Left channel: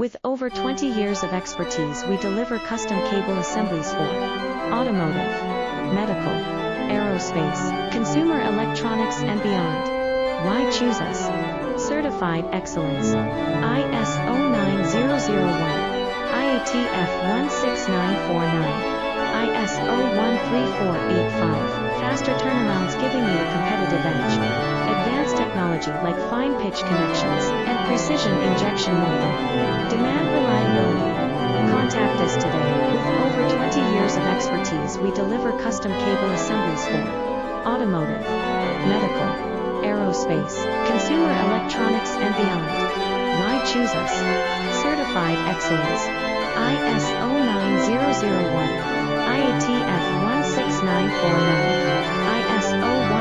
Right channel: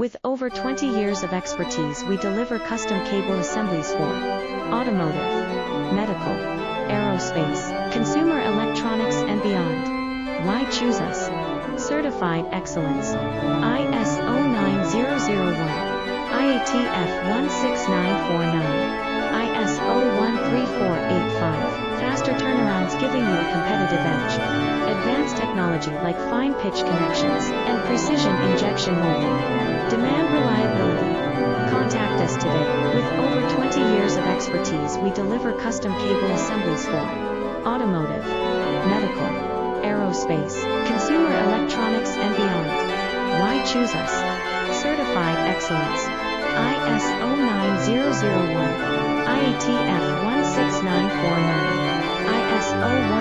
With over 20 years of expertise, we deliver custom cable assemblies for automotive, medical, aerospace, consumer electronics, and beyond. Why choose us? Certified excellence. ISO 9001, IATF 16949, ISO 13485. Faster turnarounds, giving you a competitive edge. Advanced technology like fine pitch connections and precision injection molding. Demand reliability. Contact us today. With over 20 years of expertise, we deliver custom cable assemblies for automotive, medical, aerospace, consumer electronics, and beyond. Why choose us? Certified excellence. ISO 9001, IATF 16949, ISO 1